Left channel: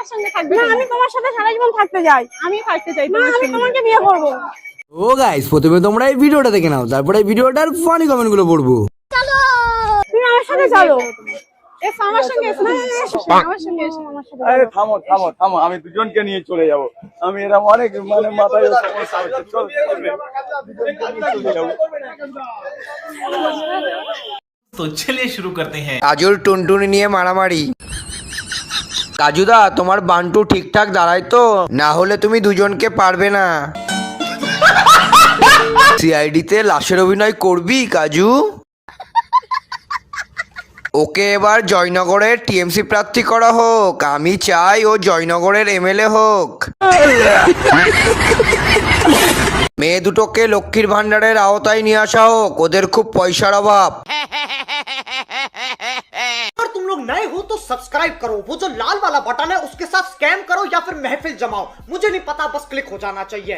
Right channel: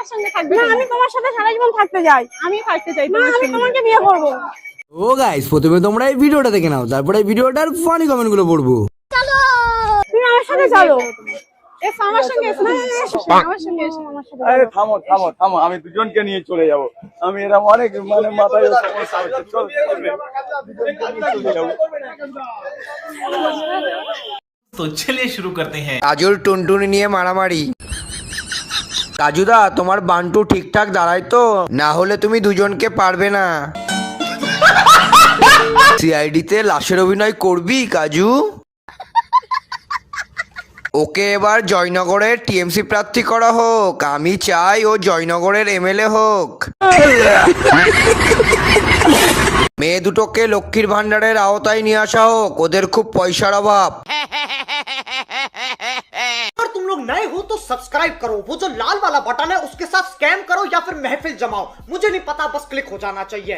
আমার সঙ্গে থাকবে না আমি তোমার সাথে সারা জীবন থাকতে চাই। আমি থাকতে চাই না তোমার আমি সঙ্গে। তোমাকে বিয়ে করব। ও গাইস, প্রথমে তোমরা এই ভিডিওটা দেখে নাও, তারপরে এই ভিডিওটার ফানি কমেন্ট গুলো পড়বো। তুমি আমার সাথে চলো। এসো আমার সঙ্গে এসো, আমার সঙ্গে এসো। আমার সাথে আরে থামো থামো থামো, আমি দুজনকে নিয়ে চলে যাব। আমি এরকম অনেক মানে মাথায় সমস্যা হচ্ছে। চল দুজনকে নিয়ে চলে যাবো। तो चलिए शुरू करते हैं। কাজুর টুনটুনি নিয়ে মারামারি। কাজুদা, তোমার বান্টু ঠিকঠাক দাঁড়ায় তো? না হলে তুমি দুজনকে পারবে না। সিআইডি তে লাশের অভিনয় করবি কাজু? ওকে এবার জয়নগরের টিএমসি প্রার্থী করা হোক। আমি চাই ও জয়নগরের এমএলএ হোক। মেয়ে দুটোকে লক্ষ্মীর ভান্ডারের আওতায় নিয়ে আসা হোক, ওদের খুব পয়সার অভাব। अगर तुम लोग नए हो तो सब्सक्राइब करो, वो जो लाल वाला बटन है उसके साथ स्कैम करो या फिर महफिल जमाओ, मुझे नहीं पता, बस क्लिक हो जाना चाहिए।